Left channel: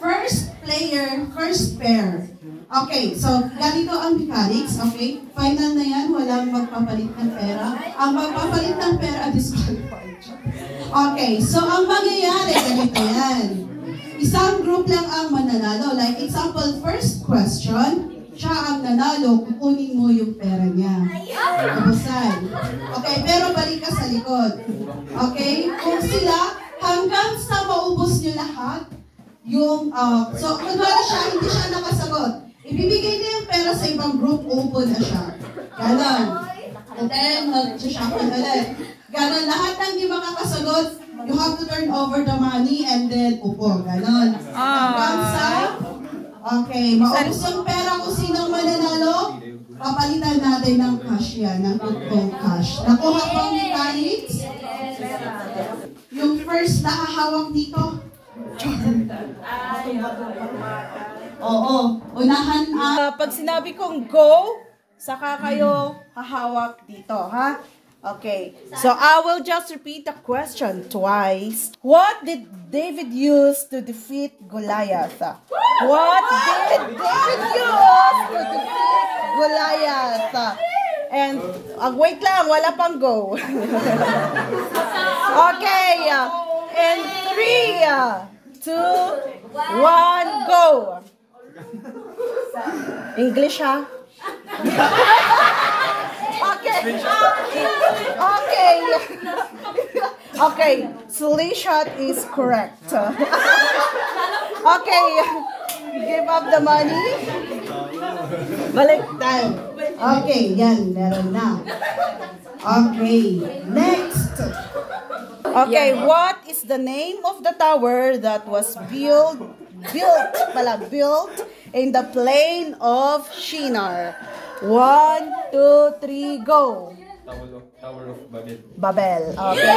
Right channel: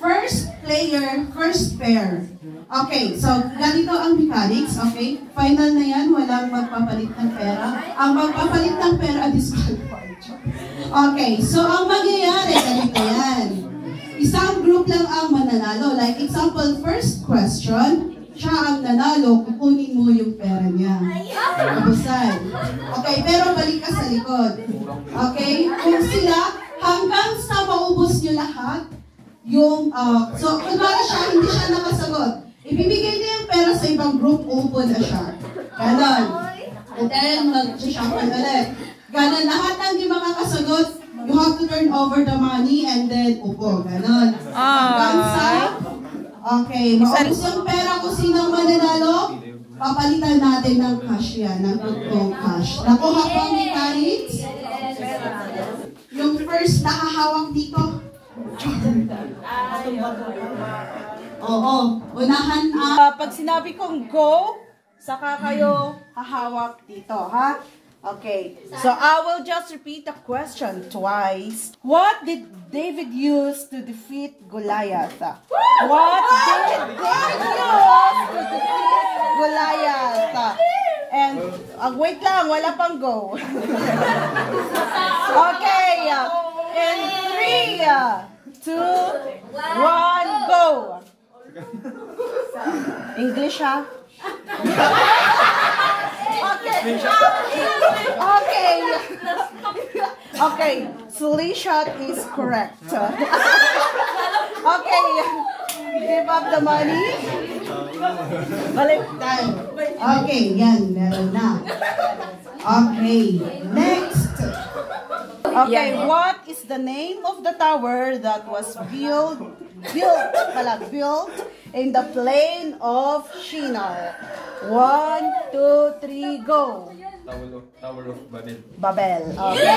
First player, first pair. Okay, so ganito ang mechanics, okay? Final na yan, walang magpapalit ng pera. Ang magpapalit ng pera, disqualified. Okay, so ang mangyayari, ganito yan. Isang group lang ang mananalo. Like example, first question, siya ang nanalo, kukunin mo yung pera niya. Abusan. Okay, pero balik ka sa likod. Okay, kung sila, hanggang sa maubos nyo lahat, yung, so kunwari siya, hindi siya nakasagot. Ibibigay niya yung pera sa ibang group, open na siya. Ganon. And then, mag-shuffle ulit. Ganon, lahat ng di makakasagot, you have to turn over the money and then upo. Ganon. Hanggang sa, okay, maubos yung pera kung sinong mananalo, papalitan natin ng cash yan, ng totoong cash. Nakuha po ang mechanics? Yung first nakahawak dito. Oo, unahan ang... Pag sinabi kong go, saka kayo hahawak dito, ha? Okay, so I will just repeat the question twice. What did David use to defeat Goliath? What did David use to defeat Goliath? And, wait lang, wala pang go. Okay, and 3, 2, 1, go! English, ha? Okay. Okay. Okay. Slingshot is correct. Okay. Give up the money. Baliktad. Okay, yan. Meron na. Okay. Next. Okay, what is the name of the tower that was built in the plain of Shinar? 1, 2, 3, go. Tower of Babel. Babel. Okay.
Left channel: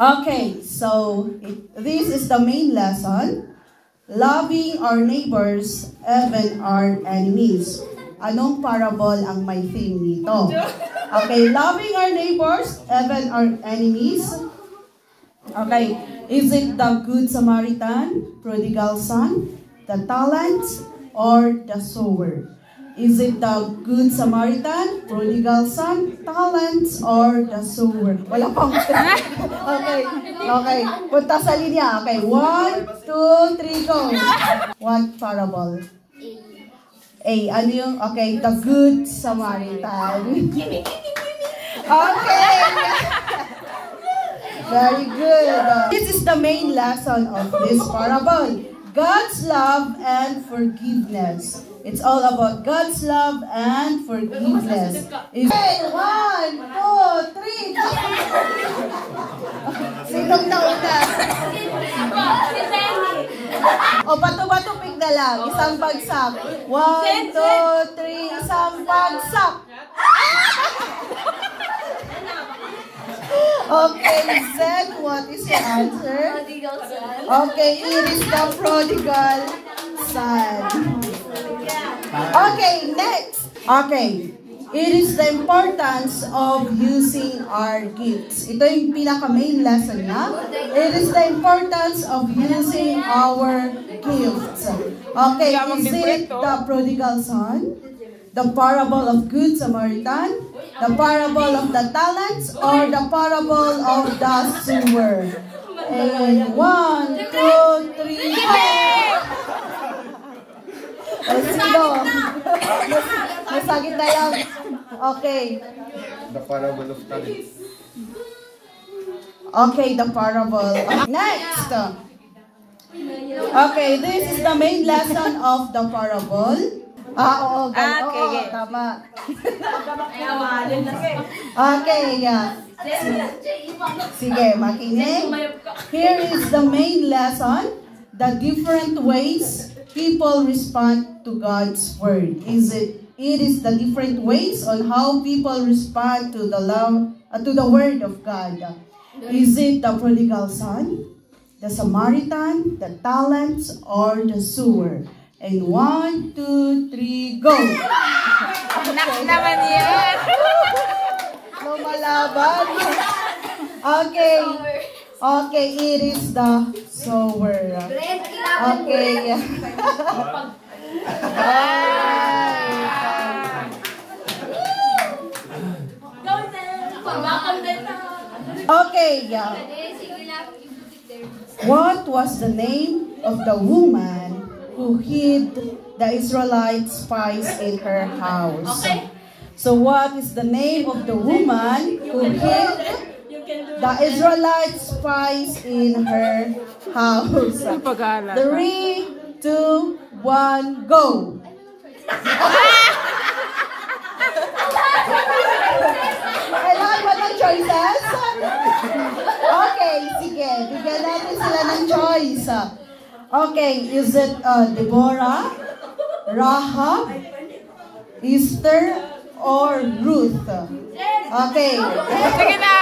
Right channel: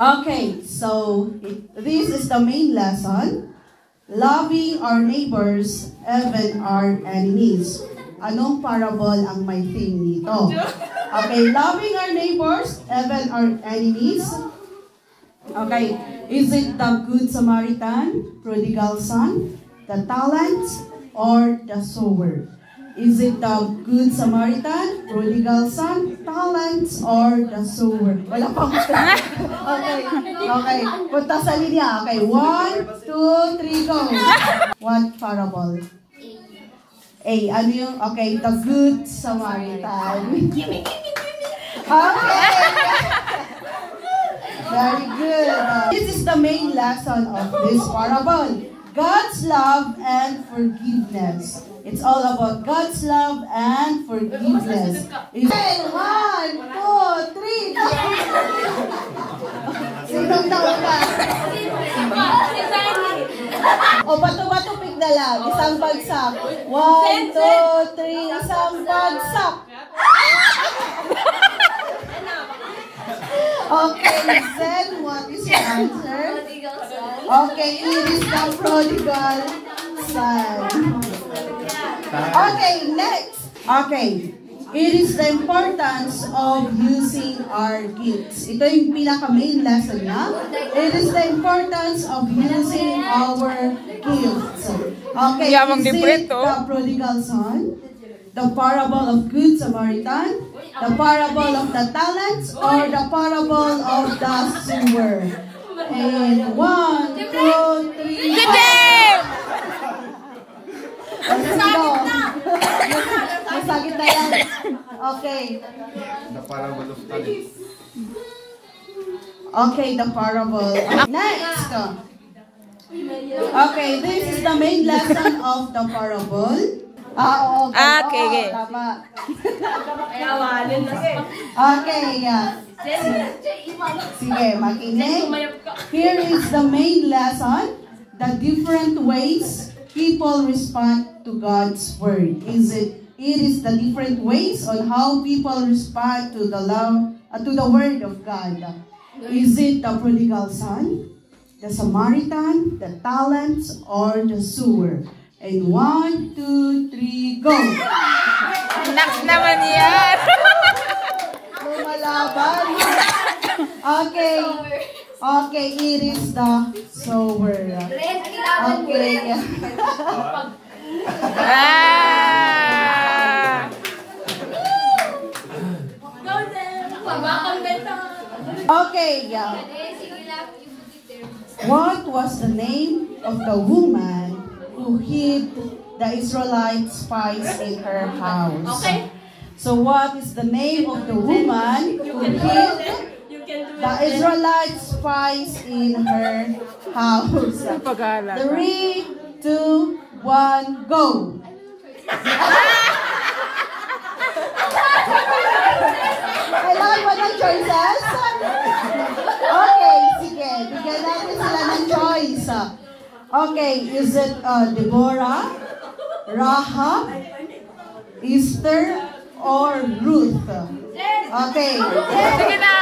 Okay, so this is the main lesson. Loving our neighbors, even our enemies. Anong parable ang may theme nito? Okay, loving our neighbors, even our enemies. Okay, is it the Good Samaritan, prodigal son, the talents, or the sower? Is it the Good Samaritan, prodigal son, talents, or the sower? Wala pang okay, okay. Punta sa linya. Okay, 1, 2, 3, go. What parable? A, ano yung, okay, the Good Samaritan. Okay. Very good. This is the main lesson of this parable. God's love and forgiveness. It's all about God's love and forgiveness. Okay, 1, 2, 3. Sinong nauna? O, bato-bato pick na lang. Isang bagsak. 1, 2, 3. Isang bagsak. Okay, Zen, what is your answer? Okay, it is the prodigal son. Okay, next. Okay, it is the importance of using our gifts. Ito yung pinaka-main lesson niya. It is the importance of using our gifts. Okay, is it the prodigal son? The parable of Good Samaritan, the parable of the talents, or the parable of the sower? And 1, 2, 3. Sino? Masagit na lang. Okay. The parable of talents. Okay, the parable. Next. Okay, this is the main lesson of the parable. Oo. Okay. Tama. Okay, yeah. Sige, makinig. Here is the main lesson. The different ways people respond to God's word. It is the different ways on how people respond to the love, to the word of God. Is it the prodigal son, the Samaritan, the talents, or the sower? And 1, 2, 3, go! Anak naman yan! Lumalaban. Okay. Okay, it is the sower. Okay. Okay, yeah. What was the name of the woman who hid the Israelite spies in her house? So what is the name of the woman who hid the Israelite spies in her house? 3, 2, 1, go! Kailangan ba ng choices? Okay, sige. Bigyan natin sila ng choice. Okay, is it Deborah, Rahab, Esther, or Ruth? Okay. Sige na.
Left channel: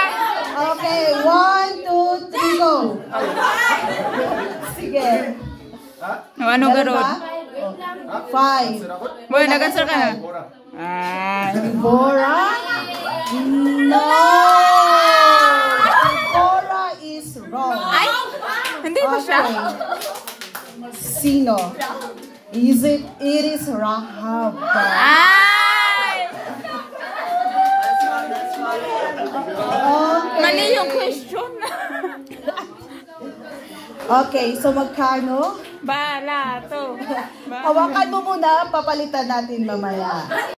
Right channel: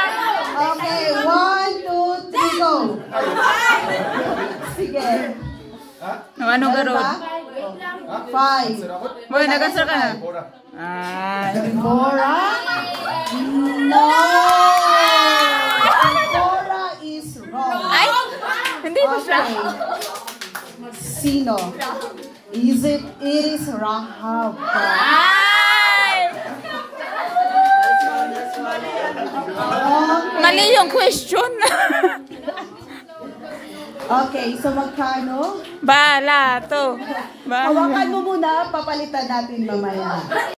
Okay, 1, 2, 3, go! Sige. Ano garod? 5. Boy, nag-answer ka na. Ora. Deborah? No! Deborah is wrong. Ay, hindi ba siya? Sino? It is Rahab. Ay! Okay. Mali yung question. Okay, so magkano? Bala to. Bala. Hawakan mo muna, papalitan natin mamaya.